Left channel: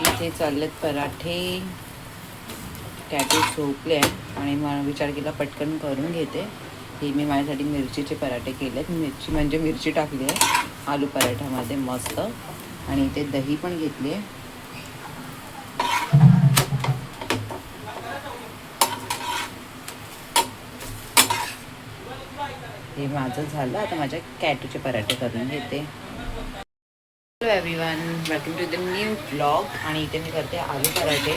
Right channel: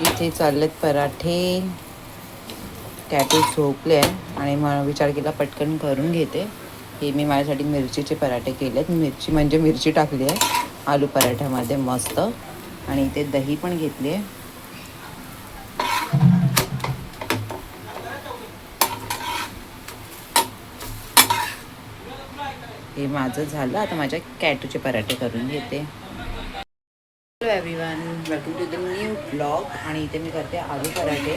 इथे चाललेत पराठे. कॅटू झोपले आहे आणि मग विचार केला पटकन करून घेते. हे मी माझ्यासाठी मिरचीचे पराठे केलेत. मिरची म्हणजे मिरची टाकली आहे आलू पराठ्यामध्ये मस्त. आणि इथे दही पण घेतली आहे. हे माझं झालं. आता माझ्या कॅटूचे पराठे करून घेते. Hello everyone, welcome to the new blog. आणि इथे मी करते आलू पराठे.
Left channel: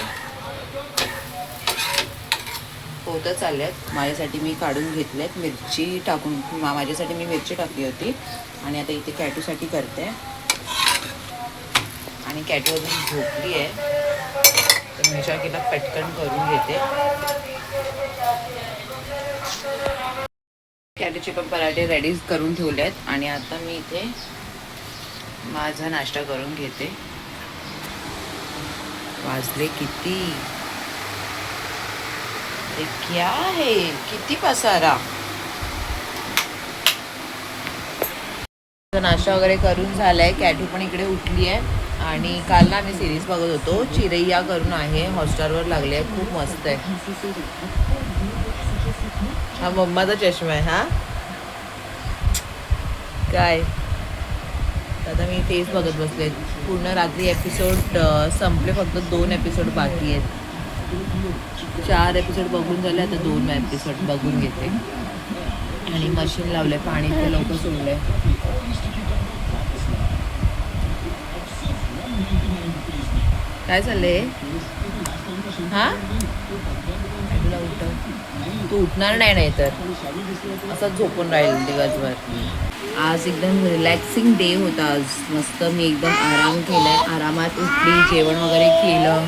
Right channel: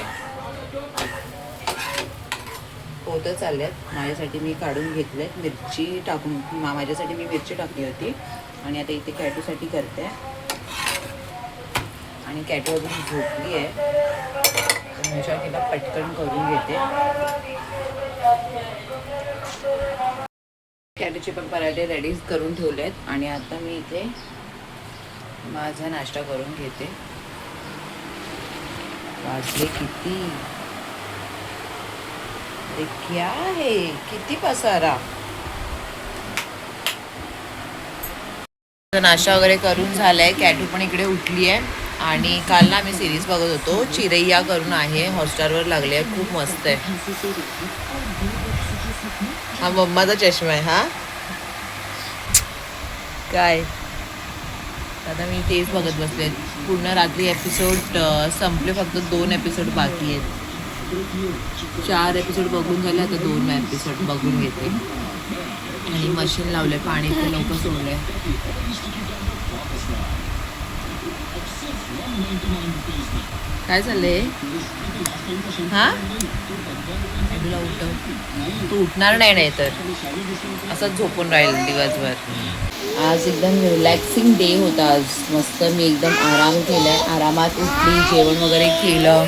होतं चाललेत. माझ्यासाठी मी काढून घेतलेत मिरची टाकून. माझ्यासाठी मी मिरची टाकली होती. आणि आता इथे कॅटूसाठी करते. आणि कॅटू अजून झोपली आहे तर मी विचार केला पटकन करून घेते. कॅटूचे पण पराठे रेडी करून ठेवले आहेत. आणि आता मी इथे माझा नाश्ता करून घेते. वाजले किती, अरे क्या है, किती पसारा. नाश्ता वगैरे करून झालाय. कॅटू पण इकडे उठली आहे. आणि काल ना आम्ही सिरीज बघत होतो. चिरैया करून आहे, हॉटस्टारवर लागली आहे. खूप मस्त आहे. हा मम्माचा चष्मा आहे. हा काय, आता मी तेच बघत बसले. पूर्ण रात्री एपिसोड संपले. फक्त 2 एपिसोड बाकी आहेत. 4 एपिसोड बघून झाले. आता 2 एपिसोड बघून घेते. आणि मशीन लावले, पाणी ते लवकर सोडले. काय चाललंय? हा तुला उठव. तू उठणार नाही तर असंच झोपून राहील दिवसभर. आज एकदम रिलॅक्सिंग डे होता. आज मस्त मी एकदम आराम केलाय. आरामात उठली, जेवण वगैरे केलं.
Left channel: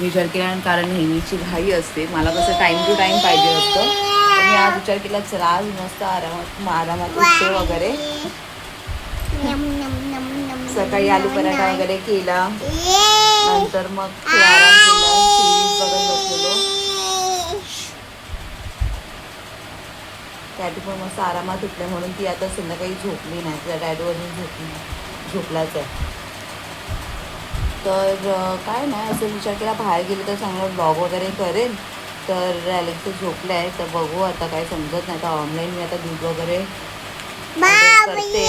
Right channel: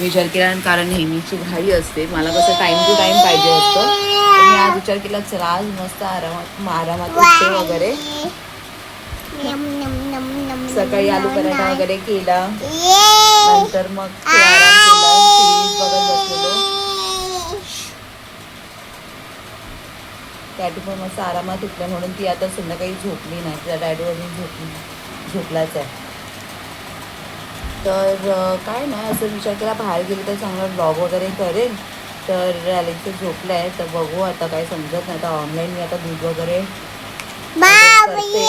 विचार केला, कारण नेहमीची घाई असते, मला कसं टाईम टू टाईम पाहिजे असतं. तर मी आज विचार केला चला आज मस्त आरामात उठते वगैरे. सकाळी आलू पराठा वगैरे केला. नंतर मग आराम केला, सिरीज बघत बसलेलो. कॅटू पण मस्त आरामात उठल्या म्हणून ती आता संध्याकाळी झोपली नाही. तिला डॅडू अजून झोपलाच आहे. तर काय नाही, असं विचार केला बाहेर गेले तर चांगला ब्लॉग वगैरे करेन. तर अलेक्स झोपलं आहे तर बघू आता, काय समजत नाही. तर ऑनलाईन मी आता दूध वगैरे करते.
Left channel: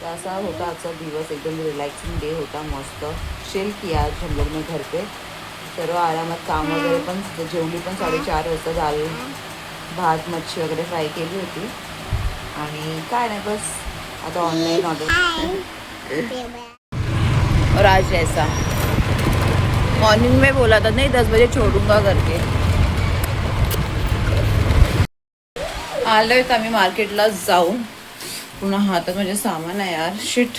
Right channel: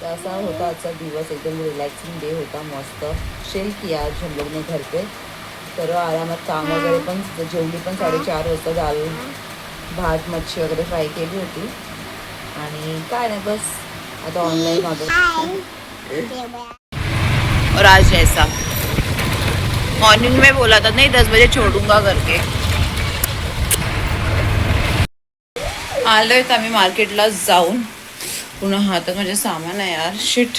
तर असा होता आजचा दिवस. एकदम रिलॅक्सिंग डे होता. मस्त शेल किया आज हम लोग ने घर पे. सर्व आरामात काम वगैरे पण. जेवली पण 4:30 वाजता. दाल भात मच्छी वगैरे फ्राय केली होती. आणि काय नाही बस आता ऑनलाइन ऑर्डर. और आज जैसा मॉर्निंग में बोला था नहीं 10 बजे छोड़ूंगा करके. आलोय तर आम्ही मार्केटला जाऊन. पुन्हा हातात माझे सामान आहे यार, शिट.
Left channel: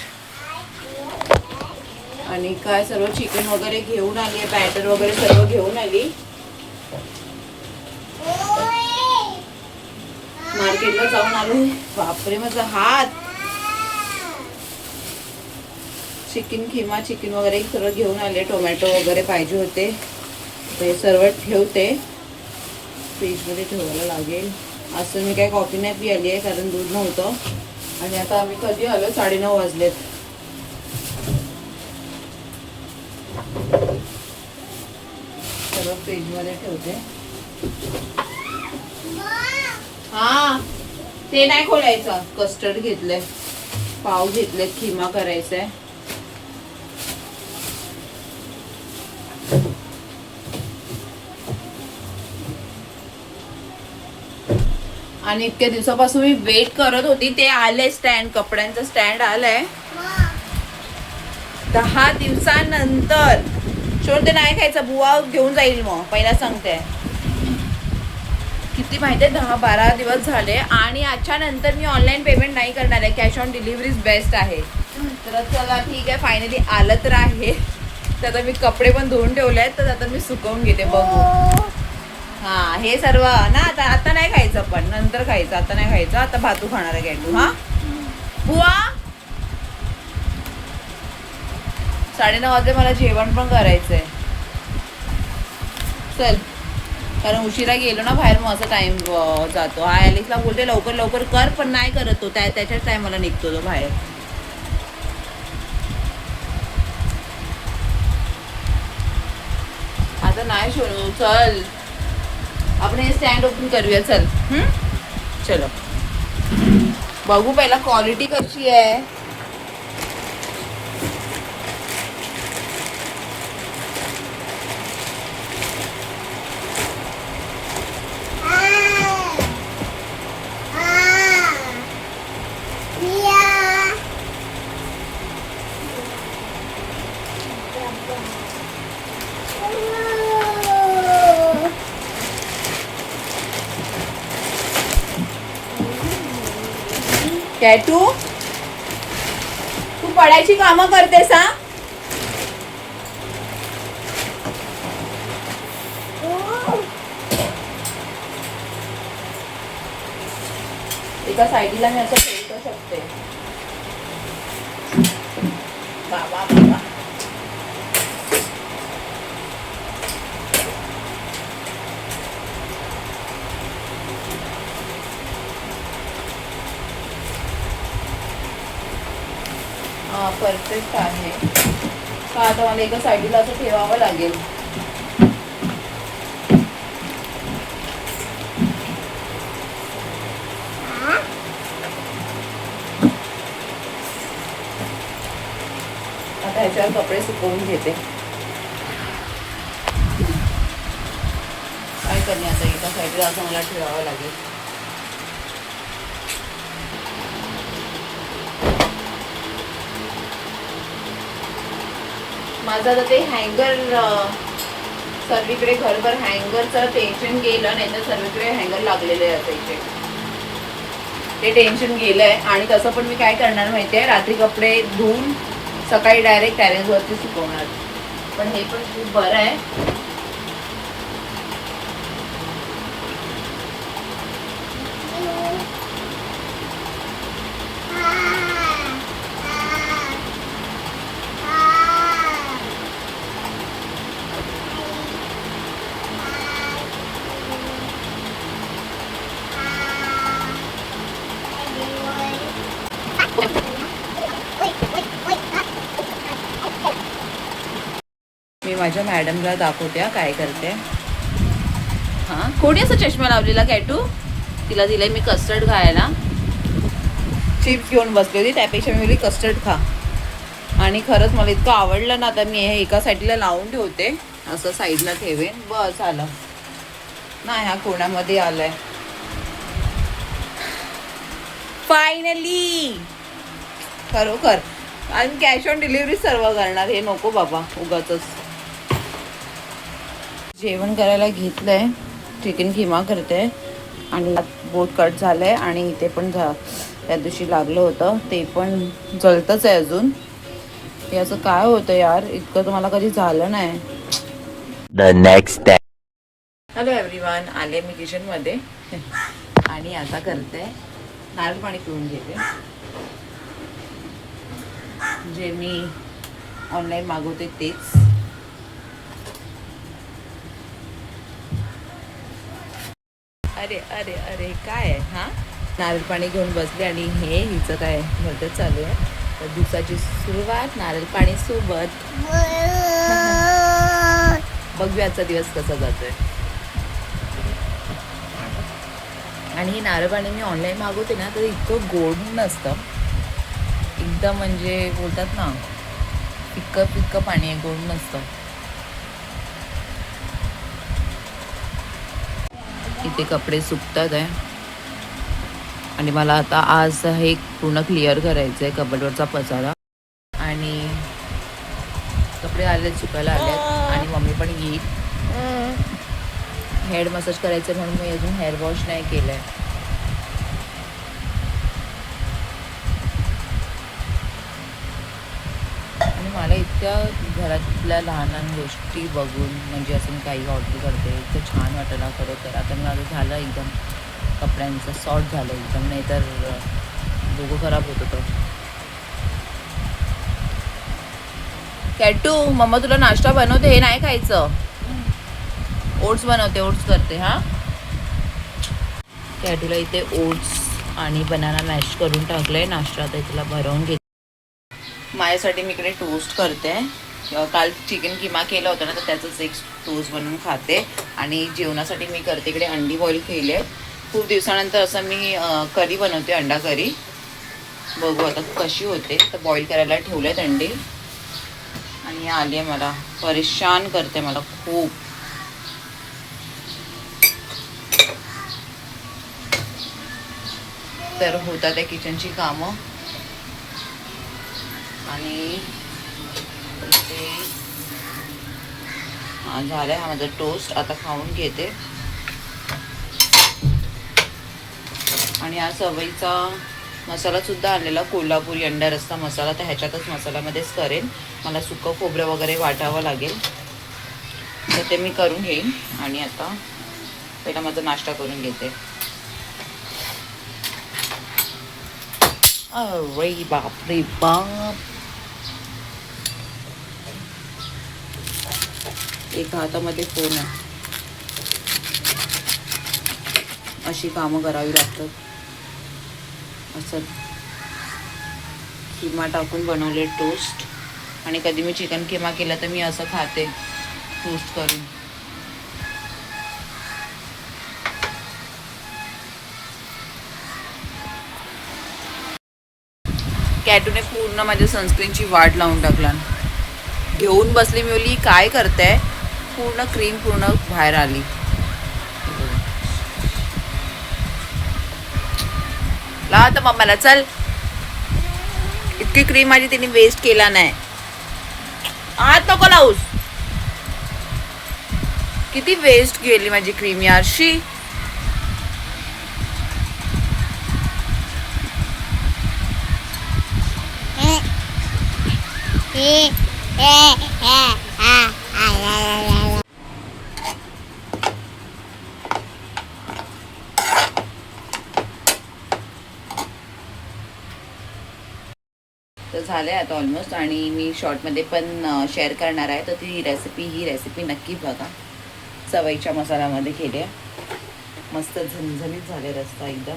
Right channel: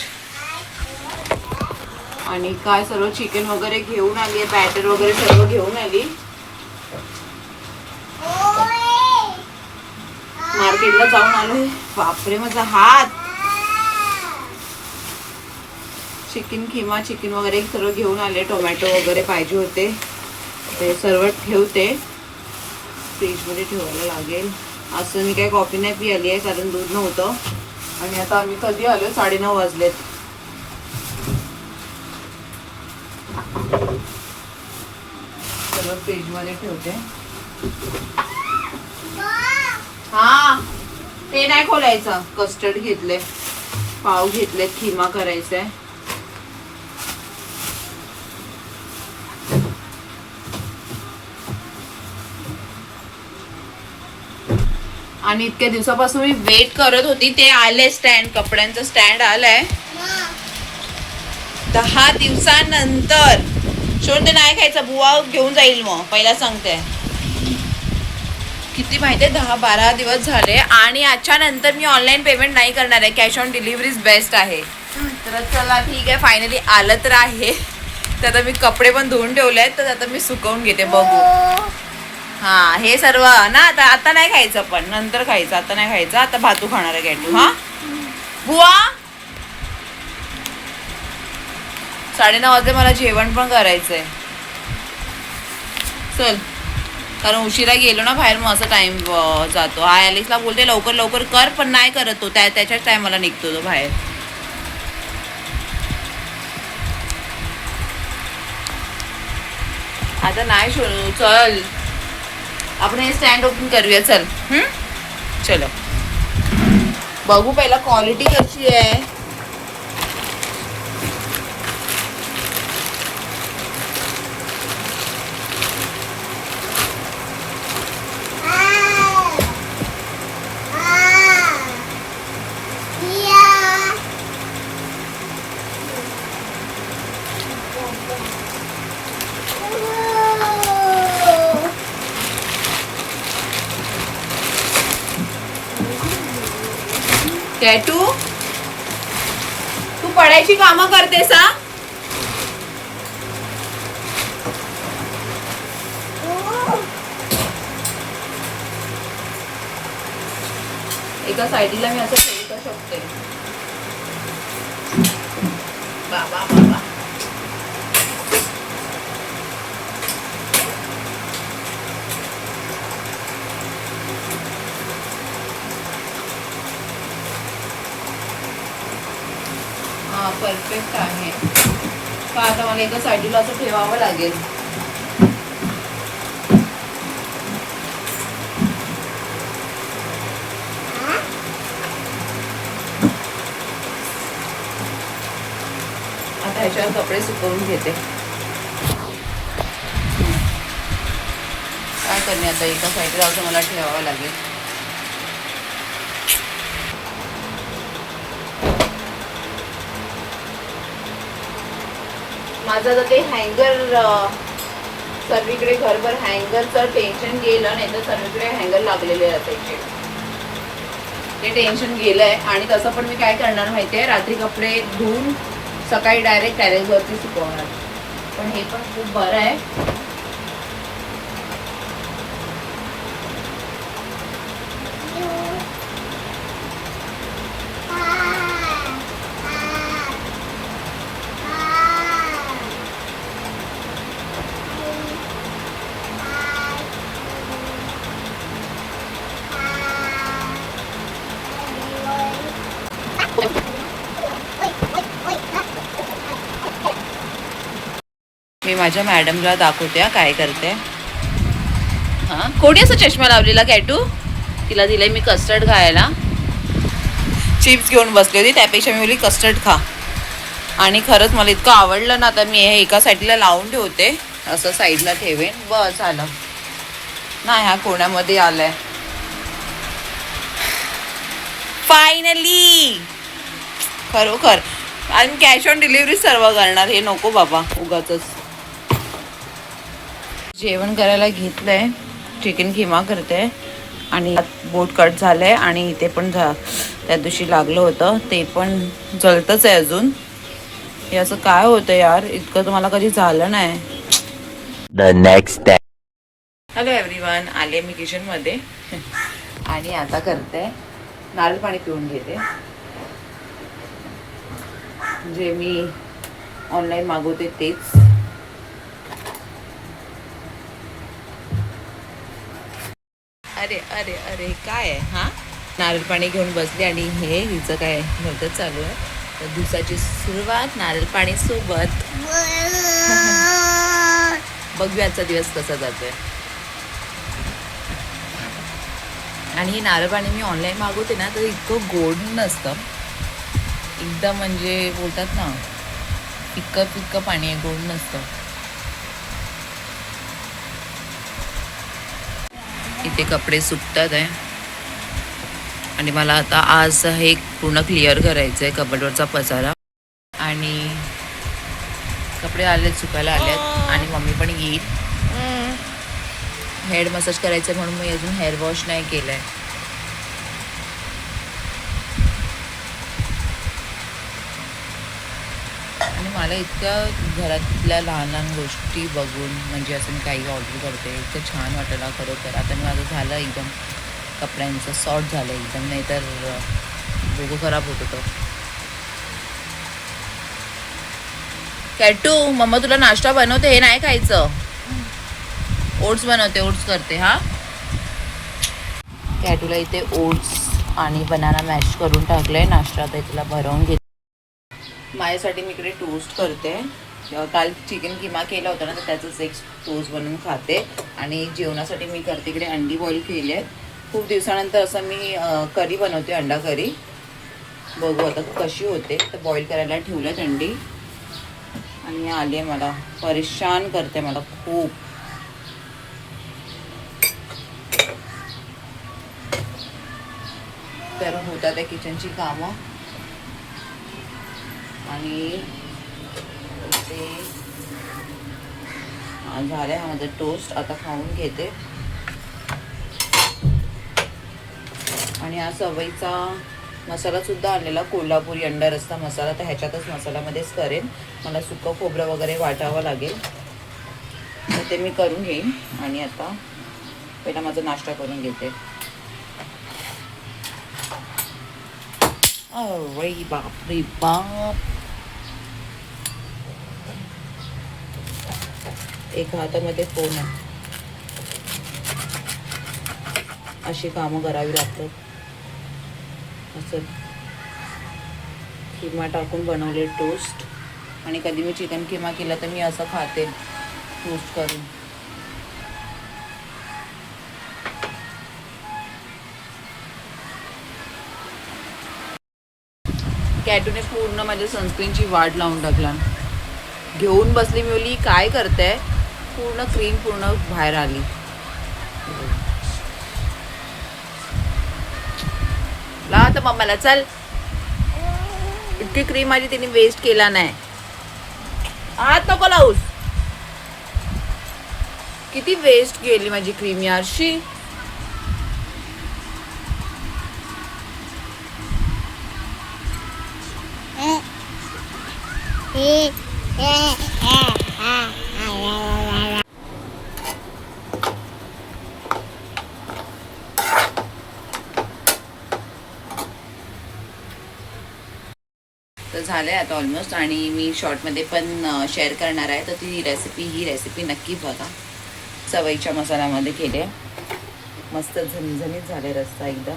आणि काय सर्व चिकन वगैरे घेऊन आली आहे, बॅटर वगैरे सर्व घेऊन आली. मार्केटला जाऊन आलो. बापरे माझा हात. चिकन किमा चिकन वगैरे सर्व घेऊन आले. टोमॅटो वगैरे पाहिजे होते ते सर्व ठेवते. फ्रीजमध्ये ठेवायला लागेल. असं मी काय कॉफी नाही पी आली आहे कारण दूध नव्हतं. आणि आता आम्ही कधी आलो, 9:30 वाजलेत. सर्व फ्रीजमध्ये ठेवते. हा ते नाही खोलायचं. कस्टर्ड घेतले, पाव घेतले, खिमा करायचंय. आणि इतक्या दिवसापासून मी वेट करत होती. ते आले स्टँड, कपड्यांचं स्टँड आलंय 10 दिवसानंतर. शोध ते नाही खायचं, बुवा घेऊन जाईल. मग पहिला सांगते किती माहितीये 10-12 दिवस झाले. आणि आजच्या नंतर मी ऑनलाईन पेमेंट नाही करणार आहे. कॅश ऑन डिलिव्हरीज बेस्ट आहे. तर चला ठीक आहे, फायनली आलं तर आहे. तर आता मी कपडे पण धुवून ठेवले आहेत. तर आता मी सुकवून घेते, बघू. हा हे सर्व ना आता नाही खायचं, पण नंतर खायचं. आता नाही खायचं. आता भातू खाणार आहे कॅटू. हा बुवा 9:30 वाजले. मला जेवण पण करायचंय. चल, कारण उशिरा गेलो ना बाहेर मग असं टाइम जातो. हा ॲलेक्सला बोलते लवकर लवकर कर, पण नाही करत तो. त्याच्याच टायमाला निघतो तो बाहेर. आता नाही शोनू, चल आपण हे स्टँड ओपन करूया, चल. चलो बघू पहिला क्वालिटी कशी आहे. टॅटू तू पडायची कामं करतेस हा? एका साईडला मी असं ठेवू शकते. बाबा बाबा हा परफेक्ट आहे का? आता मला एका साईडला असं ठेवावं लागेल. आता ह्याच्यावर कपडे सुकवून घेते. काय करणे आता एका साईडला असं मला ठेवावं लागेल. माझं आता ते हँगर सर्वीकडे घरभर हँगरचं टेन्शन गेलं, नाही तर सर्वीकडे हँगर लागलेले असायचे. ते टेन्शन गेलंय. आणि तसं पण मी काय करणार माहिती आहे, रात्री कपडे धुवून सकाळी डायरेक्ट टॅरेसवरती सुकवणार. पण हे पण खूप बरं आहे. मी माझ्या मॅडमला दाखवते काय करते. हां कोणी असं चष्मा लावलेला कॅटू? तिला दिलंय मी कस्टर्ड खायला. चिप्स घेऊन बसली होती, त्यापेक्षा मी बोलली कस्टर्ड खा. आणि खरंच मला इतकं आवडलं ना, आता मी हे एका साईडला लावून ठेवते, असं साईडला ठेवेन. बस आलं नाही, ह्या कोण्यामध्ये आलंय फायनली. खरोखर. आणि कॅश ऑन डिलिव्हरी सर्व करणार. हे नको बाबा उगाचच. जेवण करायला घेतलंय, चिकन किमा करते. आणि बोट कट झालंय. आणि इथे पण त्या दिवशी लागलं होतं, ते पण जळतच आहे अजून. हे असं काय होतं यार, इतकं तुम्हाला कधी झालं नाही. The next day. Hello everyone, आले मी किचनमध्ये. आणि आता करते नारळ पाणी पिऊन घेते, जे मी ऑनलाईन मागवते तेच. अरे अरे अरे काय आहे हा? नारळ पाणी घेऊन बसले आणि हे हिचं काय भलतंच चालू आहे. तर दिवसाची सुरुवात नारळ पाणी सोबत. बघूया आजचा दिवस कसा जातोय. आणि ही नारळ पाणी मी ऑनलाईन मागवते ना, तर इतकं गोड नसतं एकदम, म्हणजे बोलतात ना फिक्कं फिक्कं पाणी आहे, गोड नसतं. इथे कपडे सुकतात आहे. आणि मला आता आज हे पूर्ण क्लिअर करायचं आहे कबडवरचा पसारा. आणि कपडे आलेत, सुकायला आलेत. आणि मम्मी पण येईल. हेड मसाज करायचं म्हणून मी अजून हेअर वॉश नाही केलं आहे. आणि मला इतक्या घरातल्या लहान लहान गोष्टी बघून, म्हणजे असं मी काही ऑर्डर करते, इतकं छान वाटलं खरोखर. आता मी माझं झालं एकदम कपड्यांचं सॉर्ट झालं एकदम, नाही तर डोकं खराब होत होतं. कॅटू मम्मा तुला नाश्ता बनवते, हे नाही खायचं. ओट्स बनवते, ओट्स करते. हा कॅटूला इथे ओट्स आणि बनाना मॅश करून टाकलंय नाश्ता. आता तिला भरवून घेते. माझ्यासाठी मी इकडे टोस्ट करते. काल चिकन किमा केला होता ना, तर त्याचंच एक टोस्ट बनवून खाते. आणि जेवणासाठी मी करते इकडे अंडी बॉईल केली आहे. खूप दिवसानंतर असं मी करी बनवते, अंडा करी. बघू आता कशी होते. तर बॉईल करायला ठेवले आहेत अंडी. आणि आली आहे, मला परेशान करते मला खूप. तर होतात त्या किचनची कामं. आणि ते झालं आहे माझं टोस्ट. आता खाऊन घेते. आणि हा सवयीचा मसालासुद्धा आणलेला, कोल्हापुरी अंडा रस्सा मसाला. तर ह्याच्यातच मसाल्यामध्येच करेन. मला सुकं खोबरं वगैरे वाटावं लागेल, तर ते मी करून घेईन. आणि आता पहिला माझा नाश्ता करून घेते. अरे बाप रे बाप. एका हातामध्ये फोन आहे. अशी कामं करावी लागतात. असं किमा टाकून बनवले टोस्ट. आणि कधी मी चिकन किमा केला तर मी असं खाते, टोस्ट करून. कॅटूने पूर्ण माझ्या सनस्क्रीनची वाट लावून टाकला. घेऊन बसली. मी बोलली काय करते, पूर्ण क्रीम पूर्ण बाहेर आली. ला तर मम्माला चल. इतकी क्रीम माझी तिने वेस्ट केला नाही. आत नको लावूस. किती वेस्ट गेली माझी क्रीम यारशी. तर झालं आहे आता ऑलमोस्ट. आणि मी शॉर्टमध्ये पण शेअर करणार आहे. तर ही रेसिपी नक्की बघा. सवयीच्या मसाल्यामध्ये केली आहे. मस्त झणझणीत झाले रस्सा एकदम.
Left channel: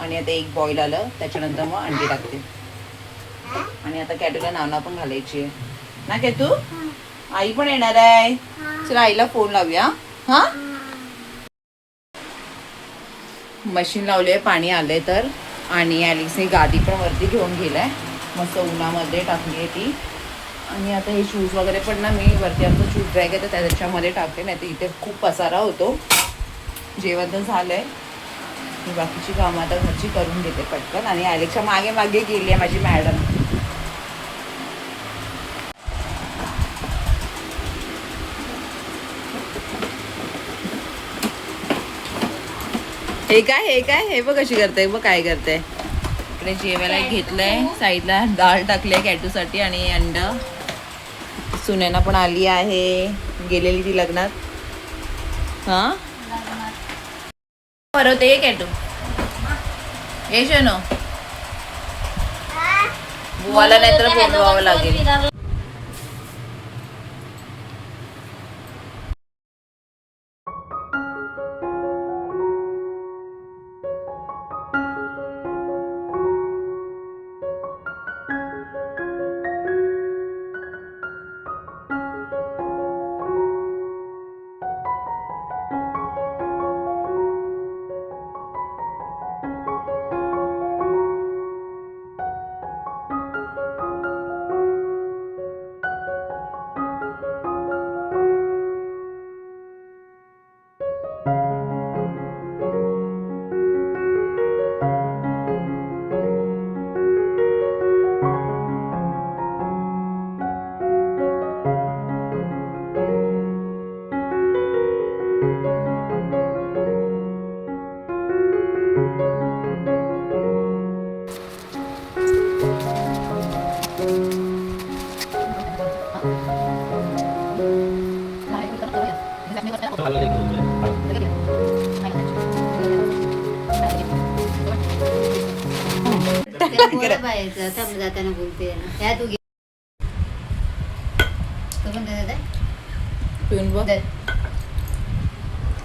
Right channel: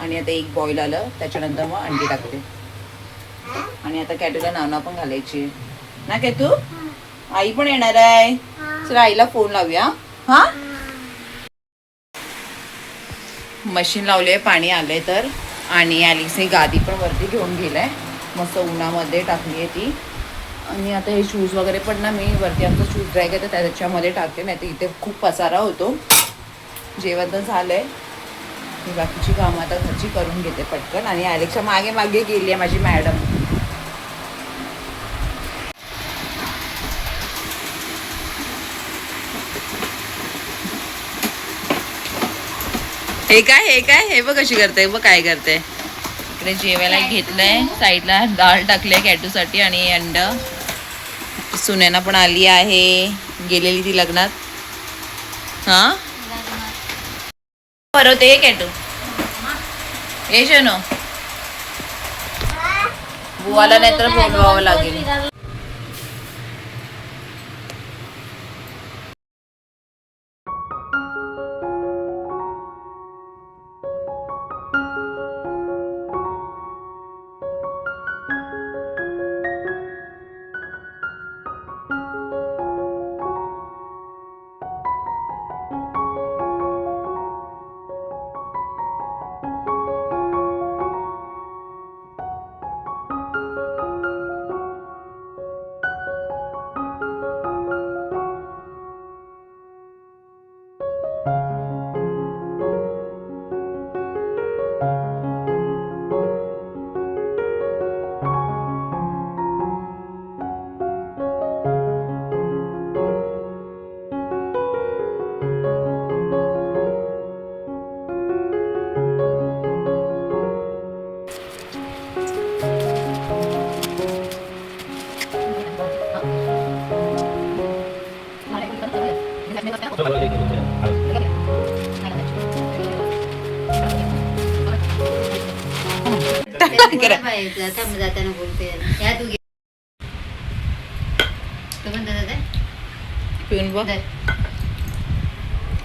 आणि आता एक बॉईल आलं, त्याच्यानंतर मग अंडी टाकते. आणि आता कॅटूला नावना पण घालायची आहे ना. कॅटू आई पण येणार आहे. चला आईला फोन लावूया. हा, मशीन लावली आहे, पाणी आलंय तर. आणि ॲलिक्सने गादी पण वरती घेऊन गेलाय, मस्त उन्हामध्ये टाकली आहे ती. आणि आता हे शूज वगैरे पण ना मी वरती आमचं शूज ड्राय करते त्याच्यामध्ये टाकते, नाही तर इथे खूप पसारा होतो. जेवण तर झालंय. मी बाकीची कामं आता घरची करून घेते पटकन. आणि ॲलेक्सच्या मागे मागे गेली आहे माझी मॅडम. हे काय हे बघ कशी करते, बघ काय करते. इकडे जेवायला घेतलंय, साईडला डाळ टाकली कॅटूसाठी. आणि अंडा. सुनैना पण आली आहे, गेलेली ती लग्नात. हा परत ये कॅटू. ये शनो, बुवाला नाहीतर बोलवावं लागेल. पिऊन बघ.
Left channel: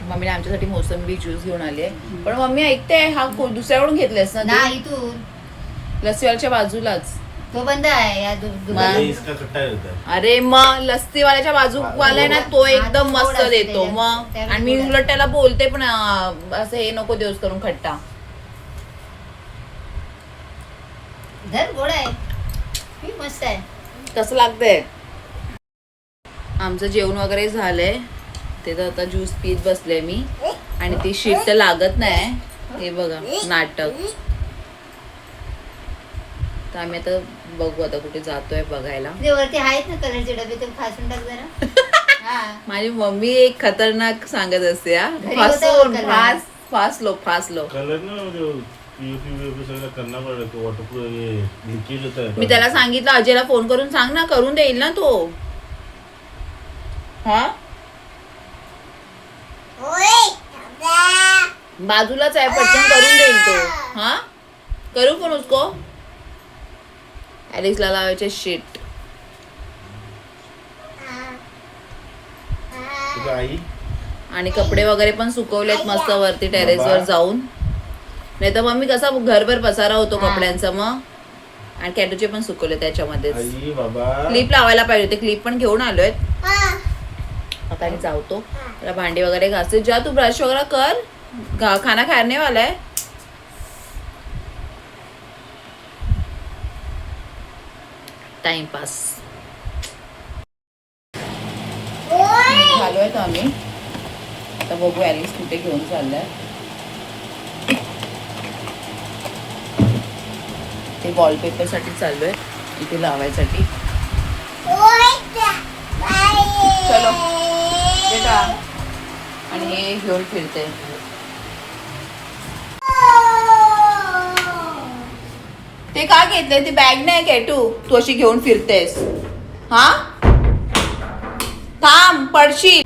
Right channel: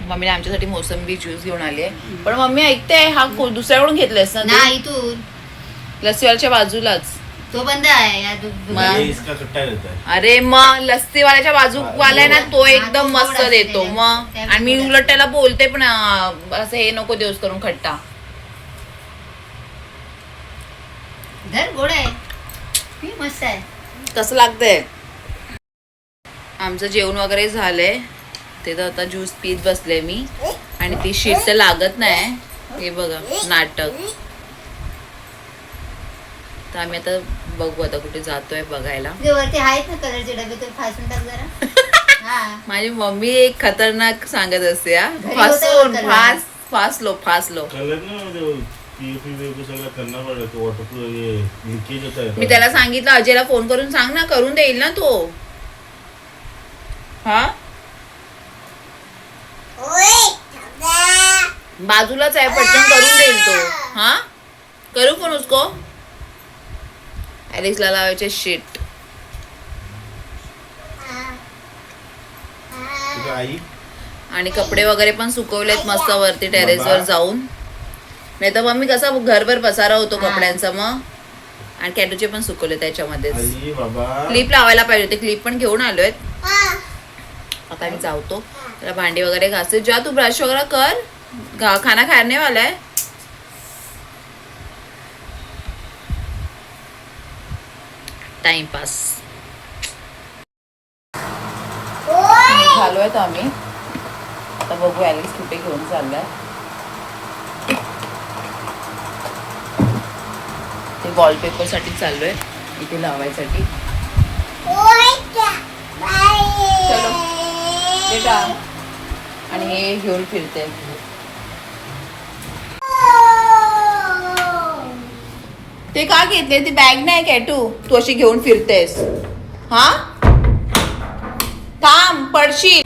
मम्मीने आमच्यासाठी मोसंबी ज्यूस घेऊन आली आहे. पण मम्मी ऐकते, हा दुसऱ्याकडून घेतलेस ना? नाही, तू लस्सीवाल्याच्या बाजूलाच तो बंद आहे या अरे मग लस्सीवाल्याच्या बाजूवाला ना तो एकदम मस्त देतो मग. आणि मी उलट त्याला बोलते पण असं हे नको देऊस करून खट्टा. गोड आहे मस्त आहे. कसं लागतंय. आमचं जेवण वगैरे झालंय ते तर आता ज्यूस पीत बसले मी. आणि ती शीट तर लागत नाही. हे बघा नाटक. तर आम्ही आता बघू आता कुठे जातोय बघायला. वरती आहेत ना कलरचे डबे तर फासून टाक जरा. माझी मम्मी एक खतरनाक सांगत असते फासलो मी त्याला सांगितलं अजयला फोन करून सांग ना करून देईल ना तो. हा बाजूलाच आहे पटकन करून देईल तो. हा करू पण उसको ॲलेक्सला लावायचे शीट. आणि कपडे वगैरे पण सुकवलेत मस्त वरती टेरेसवर जाऊन. नाही तर मग मी कसा घरभर पसारा होतो कपड्यांचा मग. आणि कॅटूचे पण सुकवले त्याच्यामध्येच. क्लिप लावायला पाहिजे होते क्लिप पण घेऊन आलोय. आता मी जाऊतो त्याला भांडी वगैरे घासते. जा तू ब्रश वगैरे कर. खाना खाने वाला है. टाइमपास निघालोय आम्ही. आता बघू ॲलिक्स कुठे घेऊन चाललाय. ते वॉलपेपर साठी चाललोय इथे लावायसाठी. चलो बेटा. आणि हे घेऊन फिरते. ते का घेतले. ती बॅग नाही कॅटू तू अशी घेऊन फिरतेस. हा थांब पडशील.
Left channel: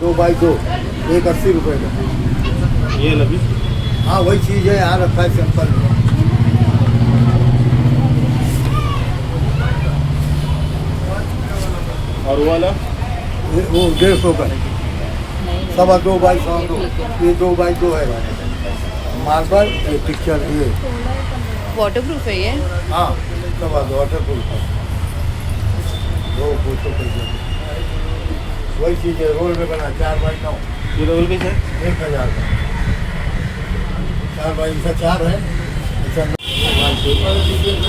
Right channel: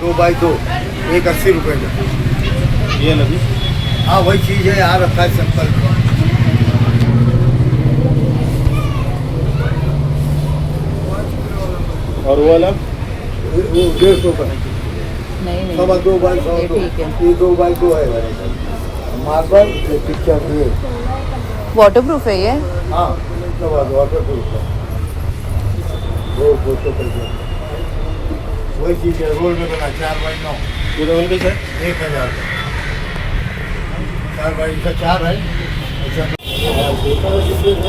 दो बाई 2 एक 80 रुपए का. ये लगी. हाँ वही चीज है यार. रखा है सिंपल. और वो वाला वो 150 का. 2 बाई 2. ये 2 बाई 2 है. मार्बल ये पिक्चर ये वॉटरप्रूफ है ये. हाँ वाटरप्रूफ. वो फोटो पर वही चीज है. रोल में बना 4 बाई 9. ये रोल कैसा है. 1000 का. 4 बाई 4 है.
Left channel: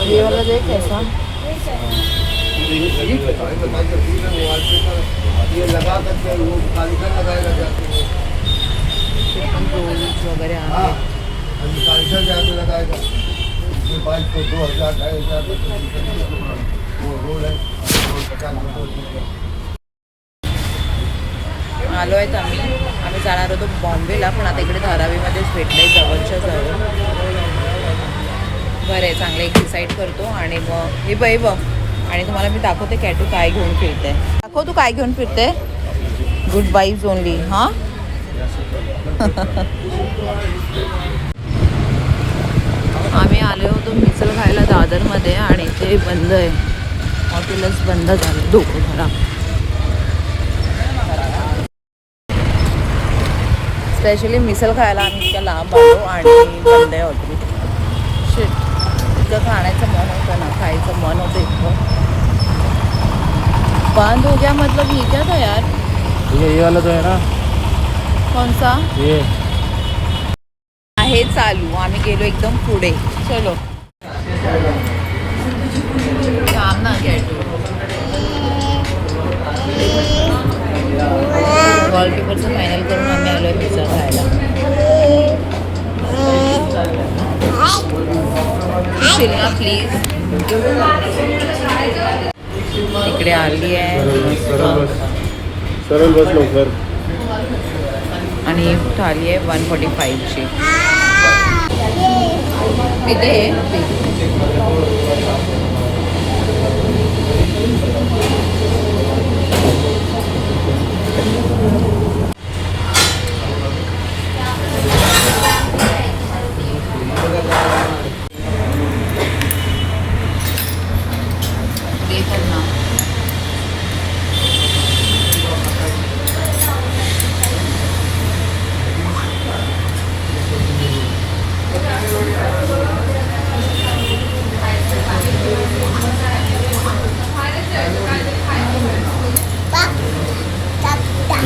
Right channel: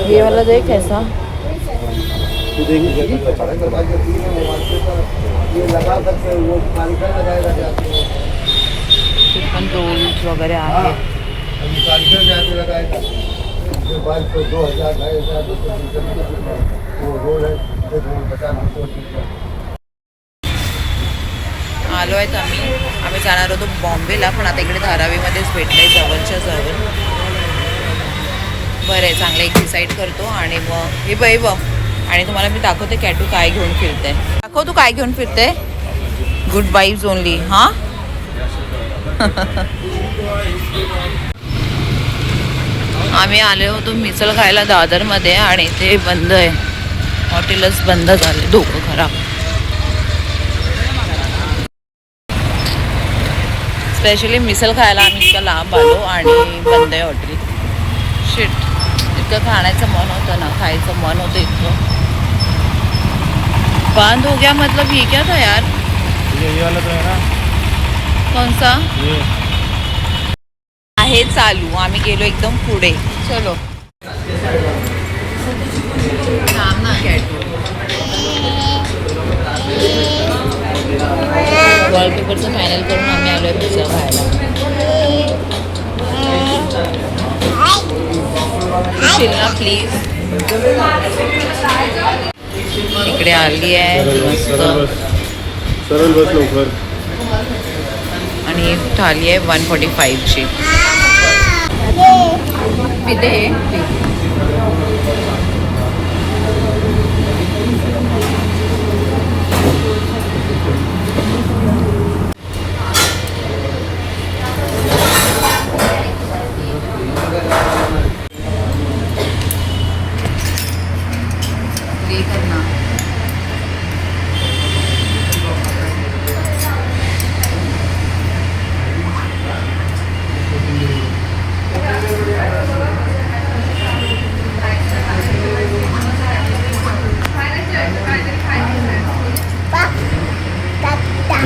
ये वाला देख कैसा. ये लगा करके वो कारीगर लगाएगा जाके. पण रोल्स वगैरे आहे. हाँ ये कारीगर जाके लगाएगा. उसके बाद को 2000 2,500 वो रोल है. आलो आहेत आम्ही जाणार होतो बॉम्बेला पण आता इकडे धारावीमध्येच भेटलंय जवळच्या जवळ. बरं आहे चांगलं एक डिसाईड करतो आणि मग हे बघ आणि तुम्हाला मी दाखवते कॅटू काय घेऊन फिरते. दाखव तू काय घेऊन फिरते. Good vibes only. हां आम्ही आले होतो मिसळ खायला दादरमध्ये आणि ते बंद आहे. हॉटेलच बंद झाले. डोकं खराब. स्पेशली मिसळ खायला आम्ही इतक्या लांब आलो आणि बंद आहे हॉटेल. शिट इतकं खाण्याचं मन होतं ना खायचं मन होतं इतकं. बंद हो गया मतलब ये क्या था यार. ये वाला तो है ना. कौन सा ये आहे चालू. आम्ही गेलो एकदम पुढे. चलो काम ना वॉलपेपरचं फायनल करून आम्ही आलोय मिसळ खायला. शिल्ला प्लीज. इकडे आली आहे मस्त. सरळ बस लवकर. आणि थाली आहे 145ची. पिते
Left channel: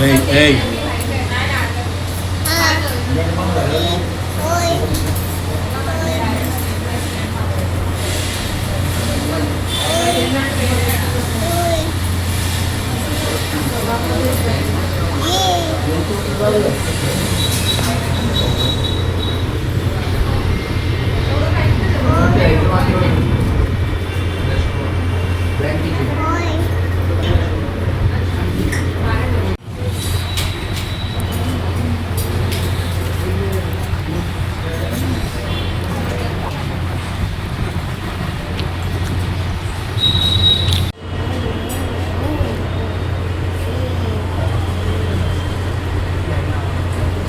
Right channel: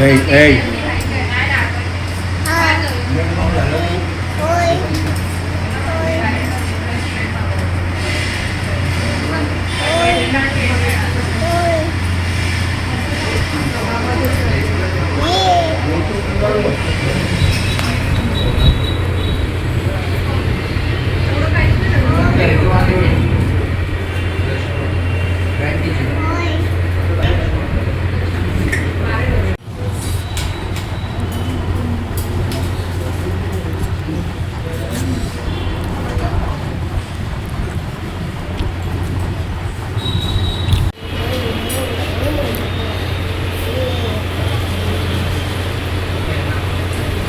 Hey.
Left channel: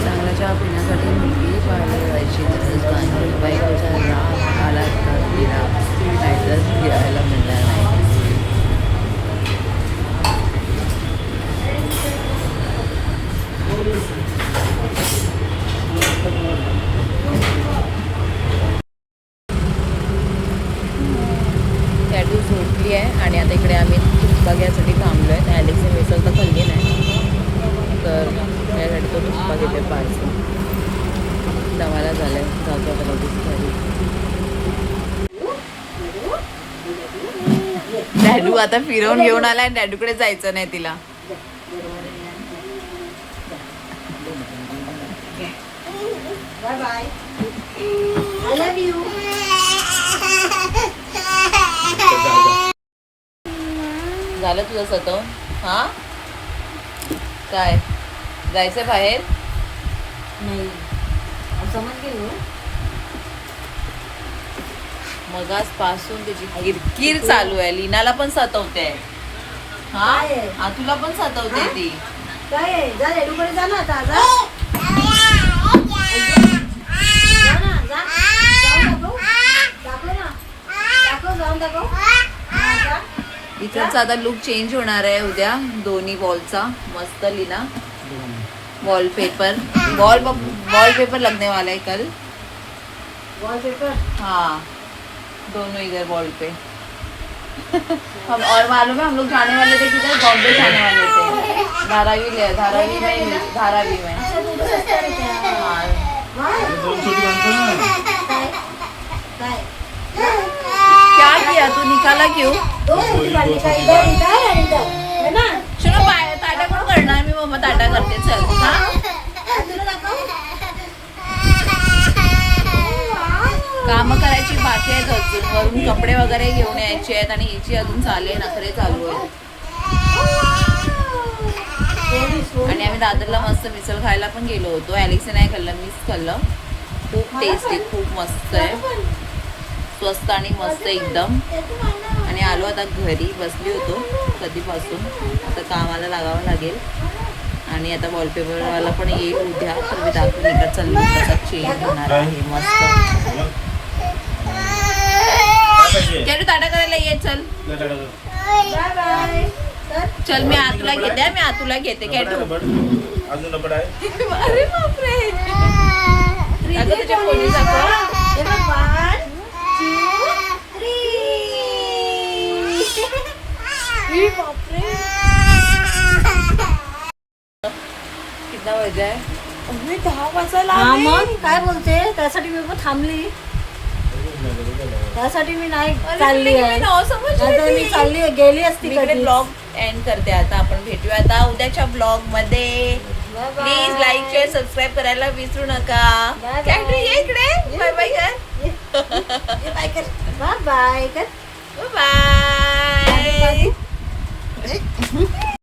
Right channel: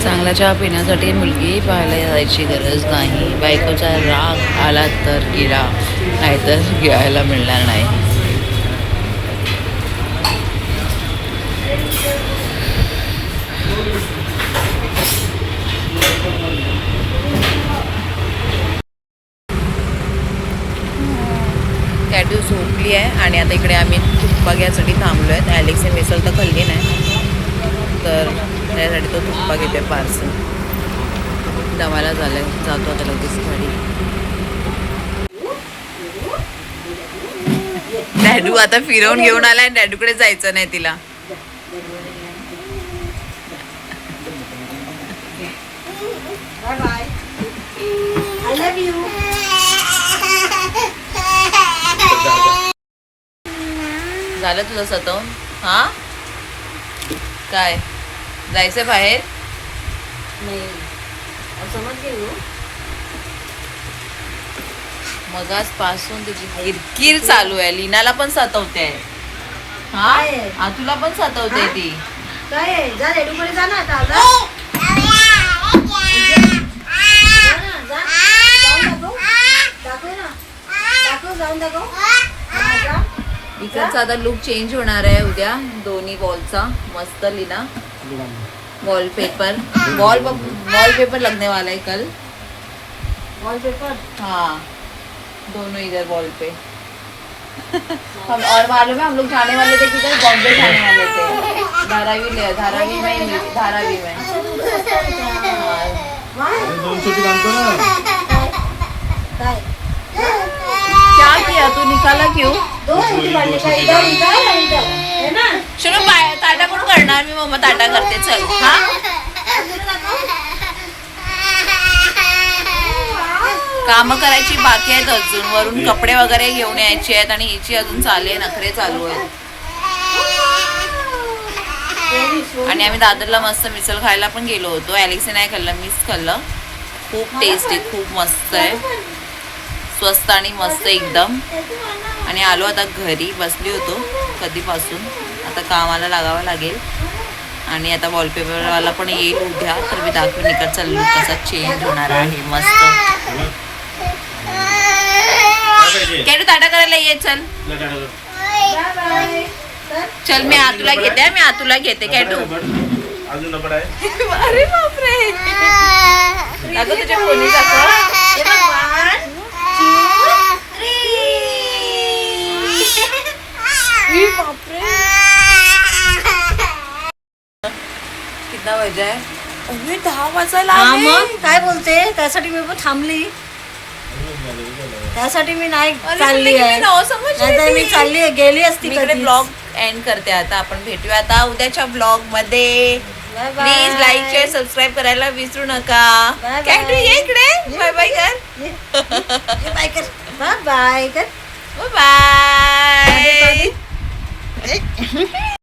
चांगला चहा पिण्यासाठी मुलगी पाहायला जायची गरज नाही. बायकोचा राग आला तर गेला, नाहीतर घ्यायला मिळणार नाही. कॅटू झोपली आहे आणि आता इकडे आम्ही तुप्पा घ्यायसाठी थांबलो आहेत. ॲलेक्सने मिसळ तर खाल्ली नाही, तर त्यासाठी तो तुप्पा घेते पार्सल. दमाला झालं आहे, जातो आता लगेच गाडी. डॅडू आता फिरवून घेऊन आलाय, डॅडूकडे जायचं नाही तिला. झालं तुझं सतवून? हा काय जायचंय बाहेर? मगाच पासून तिची किरकिर चालू आहे. लीनाला पण सतवते आहे. हा तुला पण सतवते ती. काय जा रेडूकडे जा ना आता इकडचा आता लुक चेंज होणार आहे उद्या. दोन्ही वॉलचा मस्त लीना वॉलपेपर लगने वाला है कल. वॉलपेपर हाँ दोनों इधर वॉल पे. हम और मालूम है हम लोग जाने वाले थे किधर, बॉम्बे जाने वाले थे. धारावी में क्या किया तू, निकाला क्यों? चलो ताटा कोण करणार? मी मम्मा ताटा करते. चल हा काम करायची बाकी आहेत अजून. वरून कपडे वगैरे घेऊन यायचे आहेत आणि हिची अजून नखरे चालू आहेत. आणि आम्ही दादरला मस्त मिसळ खायला पण गेलो होतो. ॲलेक्सने नाही खाल्लं, मीच खाल्लं. खूप टेस्टी, खूप मस्त आहे, स्वस्त आणि मस्त एकदम. आणि आलो आता घरी, बसली होतो कधीपासून. आता कामाला लागावं लागेल आणि आता वॉलपेपरवाला पण येईल उद्या, तर मी दाखवून इकडचा लुक कसा चेंज होणार आहे. मस्त कॅटू ताटा करायला ये. चल चल मी आतूला घेते, मी आतूला घेते. कॅटू अरे बापरे, आता तुझ्या कोणी कितना वाजा आहे? 10 वाजायला आले. काय बोलते? त्यासाठी मी पण थांबली, त्यासाठी मी नाही अरे चालली तुला आहे. किती नाव समजली नाहीतर मी ती? चालली आहे, गेली असती मी इकडे कधीच. ब्लॉग एंड करते. आता आपण भेटूया आता उद्याच्या ब्लॉग मध्ये. Bye bye. Please like share subscribe करायला विसरू नका. Bye bye. कॅटू ये इकडे, बाय बाय कर. बाय कर, बाय बाय कर, बाय. बाय.